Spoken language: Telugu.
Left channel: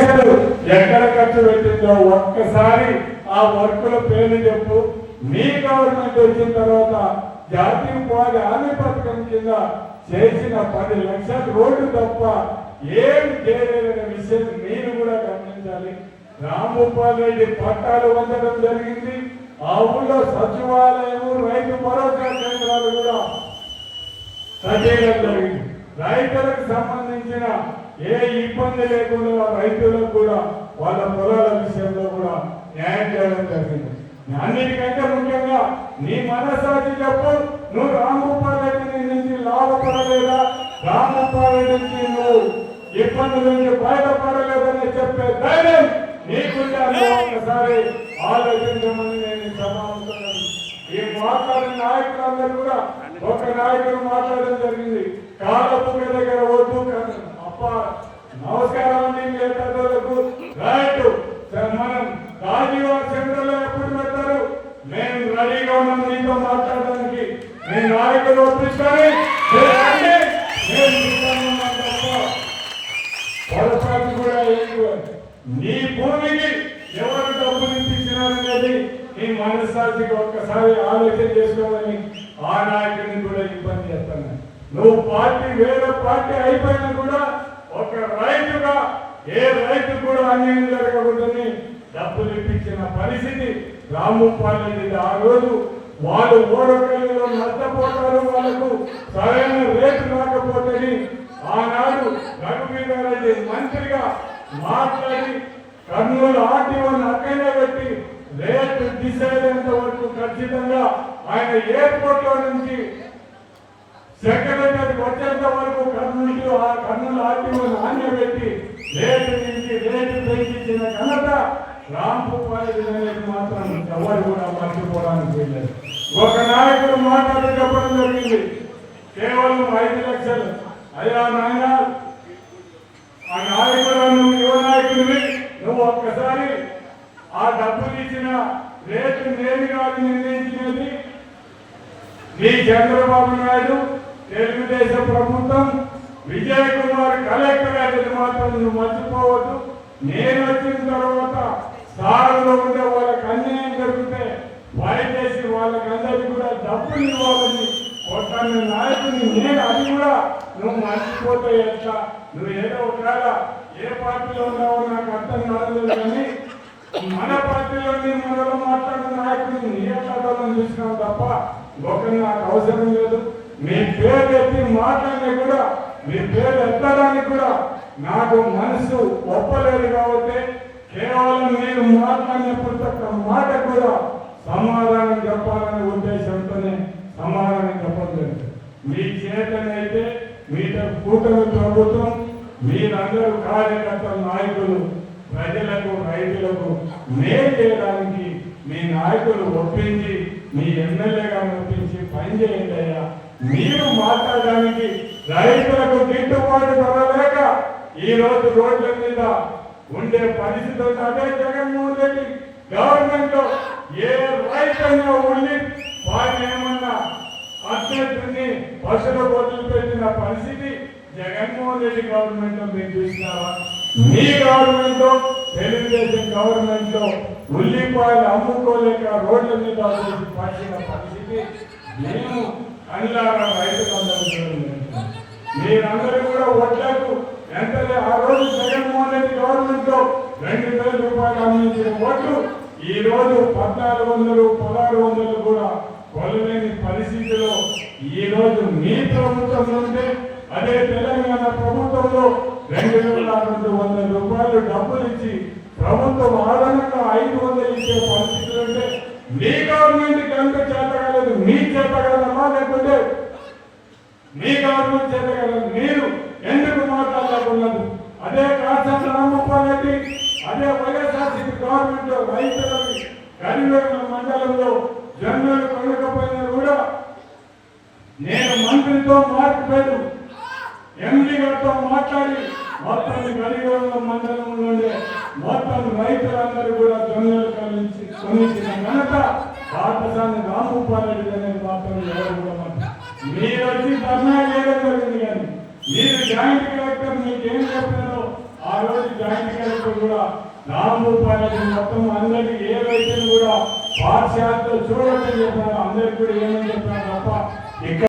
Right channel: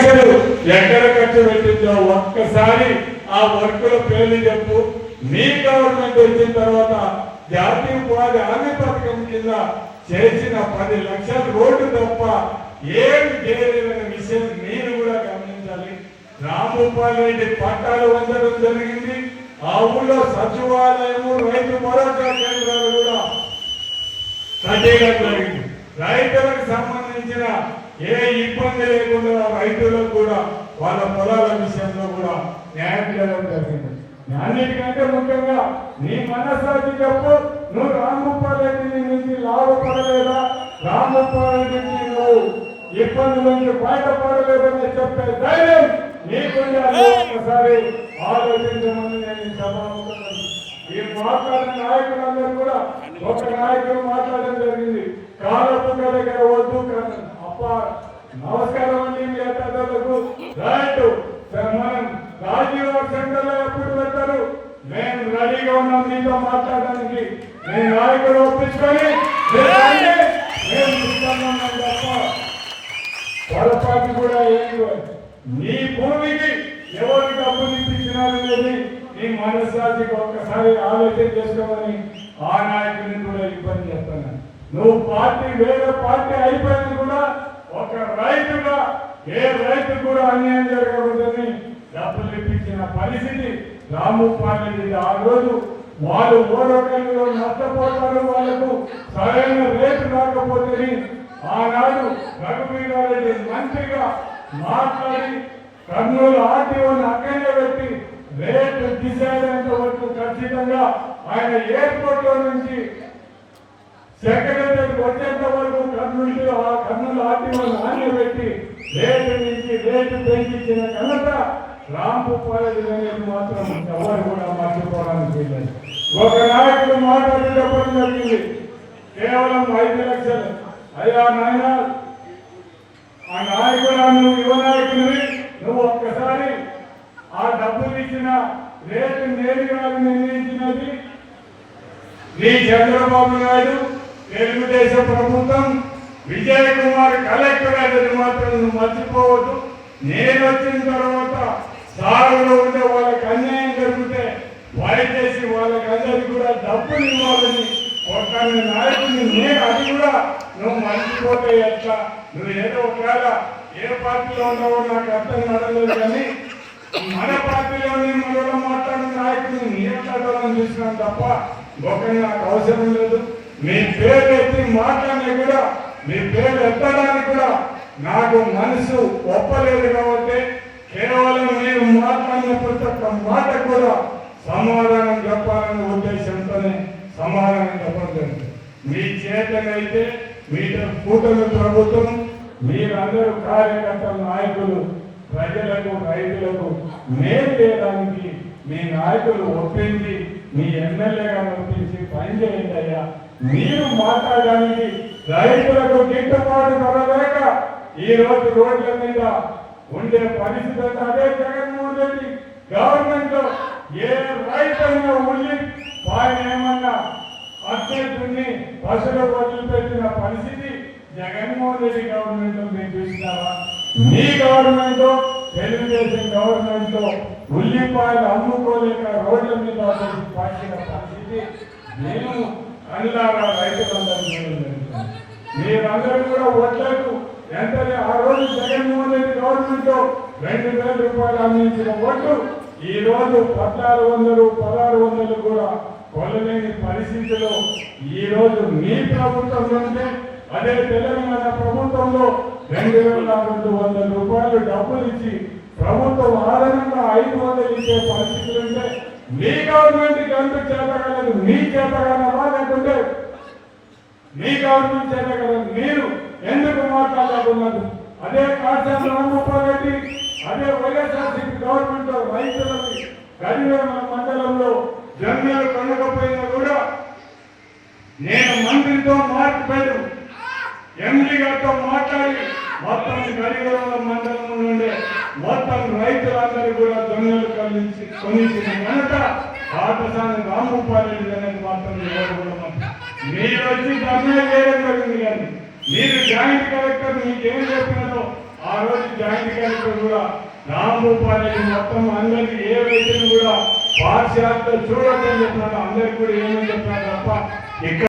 లక్షలు ఎక్కడ ఖర్చు పెట్టిందో ఒక్కసారి ఆ వర్కుల పేర్లు చెప్పు. మీ గవర్నమెంట్ వచ్చిన తర్వాత జాతీయ ఉపాధి హామీ పథకం కింద చేసిన పది లక్షల రోడ్డు తప్ప ఏమి చేయలేదనే విషయం నేను కూడా గమనించాలి. రామగోపాల్ రెడ్డి పట్టాలు ఉంచడం జరిగింది. ఆ ఊళ్ళో సచివాలయము రైతు భరోసా కేంద్రాలు కూడా కట్టేయడం జరిగింది రైతులకు సంబంధించిన ఏ ఇబ్బంది లేకుండా రైతులకు కూడా వాళ్ళ పొలాల విషయంలో కూడా న్యాయం చేయడం జరిగింది. అన్నిటికంటే ముఖ్యంగా నీ మనసాచి చెప్పు. నువ్వు రామగోపాల్ రెడ్డి నుంచి లాభపడలేదా? రామగోపాల్ రెడ్డికి నువ్వు ఇబ్బందుల నుంచి బయటపడలేదని చెప్పే ధైర్యం నీకుండే ఒకసారి ఆలోచించమని నేను ఈ ఈ మాట్లాడిన నాయకులందరూ కూడా ఒక నాయకుడు మాట్లాడడం జరిగింది. కాలపు దగ్గర వద్దు అప్ప నమస్కారం అండి మీ పెద్దలకు రైట్ మనం రాజీవ సెంటర్లో ఎప్పుడు పెట్టారు మేము రెడీగా ఉన్నాం మీతో మాట్లాడడానికి మీ వాళ్ళకి ఒప్పించుకొని పొరపాటు కూడా నీ భూమికి ఎవరు డబ్బులు ఇప్పించినారనేది నీ మనస్సాక్షికి ఒక్కసారి ఆలోచన చేసుకోవాలని ఆ నాయకుడిని కూడా ఇబ్బంది చేస్తాను. నువ్వు పార్టీ వేరే పార్టీ అయిపోయినా కూడా ఒక రైతుగా ఏ రైతు కూడా అన్యాయం జరగకూడదని డబ్బులు ఇప్పించిన పరిస్థితి రాము రాముపాలెడ్డి ఆ రోజు వాళ్ళు ఓడకల్లో నష్టపోతారు వాళ్ళకు సరైన రేటు రాకపోతే ఆనాడు రఘువీరారెడ్డి మంత్రిగా మాట్లాడి కర్నూలు ఆర్టీఓని అక్కడే పెట్టి రేటు డిసైడ్ అయ్యేంత వరకు ఖచ్చితంగా ఆయన ఎయిర్పోర్ట్లో నుంచి సెక్రటరీ వచ్చేంత వరకు కర్నూలు ఆ కర్నూలు ఆర్టీఓని ఆన్య పెట్టి రేటు నుంచి రేటు పెంచించిన ఘనత రాంపు అనేది మాత్రం ఎవరు కూడా మర్చిపోవడానికి ఒక నాయకుడు మాట్లాడేటప్పుడు జరిగింది. కేవలం ఐదు లక్షలు. అయ్యా నాయన ఆ నాయకుడు నువ్వు యువ నాయకుడివి నువ్వు ఒక్కసారి ఆ డబ్బులు ఇచ్చిన రేటు నేరుగా నిర్ణయించినది నీ చంద్రబాబు నాయుడు తెలుగుదేశం ప్రభుత్వం విజయ్ కుమార్ కలెక్టర్ అనేది మాత్రం నువ్వు మర్చిపోవద్దు. నేను వచ్చిన తర్వాత సాగులో ఉండే వాళ్ళకి అన్యాయం జరిగితే వాళ్ళకందరికీ కూడా డబ్బులు ఇవ్వాలని ఒక నాయకుడిని నేను అది కూడా నువ్వు మర్చిపోతే ఎట్లా? నువ్వు ఏదో ఒకవేళ ఏ పార్టీలో ఉన్నావో నాకు అర్థం కావట్లేదు కానీ మన పార్టీలో నేను కూడా మాట్లాడిన నాయకుడిని నేను చదవాలని చూసినాం తప్ప? ఒకరి నాకు అవసరం లేదు. మీ పేరు ఎత్తి మాట్లాడే కూడా మీ పేరు ఎత్తడానికి కూడా నాకు మనసు ఒప్పలేదు కాబట్టి కేవలం నేను మాట్లాడిన ప్రతి ఒక్క మాట కూడా సమాధానం చెప్పాలనే ఉద్దేశంతోనే సమాధానం చెప్పడం మీ చేతనైతే మీతో కూటమి ప్రభుత్వం మీరందరూ కార్యకర్తలు నాయకులు ప్రజలకు రైతులకు మేలు చేయడానికి మీ నాయకులు ఒప్పించి మీ ఎమ్మెల్యేగా ఒప్పించి పనిచేయండి అయ్యా. మీరు మాట్లాడడానికి రైతులకు గిట్టుబాటు పడలేక ఈ రోజు రోడ్ల మీద ఉండే పరిస్థితి అదే జగన్మోహన్ రెడ్డి ఏకంగా ఉండి ఆయన ఏమన్నా అభ్యర్థుల్ని పశువుల బదులు పెట్టిన పరిస్థితి జగన్మోహన్ రెడ్డి గవర్నమెంట్ మీరు చూసినారా? మీ గవర్నమెంట్ తెలుగుదేశం గవర్నమెంట్లో ఉల్లిపాయలు అమ్ముకోలేక రోడ్ల మీద వేసి పట్టిన పరిస్థితి మేము అల్లారా రైతులందరూ మీరందరూ కూడా ఓట్లకు ఎంత ఆ రోజు జగన్మోహన్ రెడ్డి గవర్నమెంట్లో రెండు వేల రూపాయలు అందించిన ఓట్లు ఈరోజు పద్నాలుగు వందలు పదహారు వందలు కూడా కొలలేని పరిస్థితిలో ఈరోజు మీ ప్రభుత్వం ఉంటే అదే తెలంగాణ ప్రభుత్వంలో రెండు వేల రెండు వందల రూపాయలు డబ్బులు ఇచ్చి ప్రభుత్వం ఆధారంగా ఐదు వందలు ఇచ్చే పరిస్థితులు ఉంటే మీ గవర్నమెంట్ ఎంత చేతగలదు మీ చేతగలమా లేకుంటే మీ గవర్నమెంట్ చేత మీరు ఎందుకు మాట్లాడలేకున్నారు అదే కాశ్యం రామగోపాల్ రెడ్డి అదే వైఎస్ఆర్సీపీ గవర్నమెంట్ రైతులకి కరివేల మండలంలో జన్మలు కొనకపోయినా కూడా నేను మంత్రితో మాట్లాడు ఎంపీ గారితో మాట్లాడి మొత్తం గరివేల మండలం నుండి మొత్తం రైతులందరూ కూడా జన్మలు కలిసి కొనిచ్చిన ఘనత పాఠశాల రామగోపాల్ రెడ్డి అనేది మాత్రం ఎవరు కూడా మీరు వచ్చి ధర్నా చేయడం జరిగింది కానీ మీరు జాయింట్ కలెక్టర్ మీకేం చెప్పినారో ఆ రోజు జాయింట్ కలెక్టర్ కూడా రామభూపాలకి మొత్తం అందరికి ఏవైతే కూడా పాఠశాలలో చూడటం చెప్పినాడు అందరికి కూడా ఏమని చెప్పినాడు తప్ప ఇక్కడ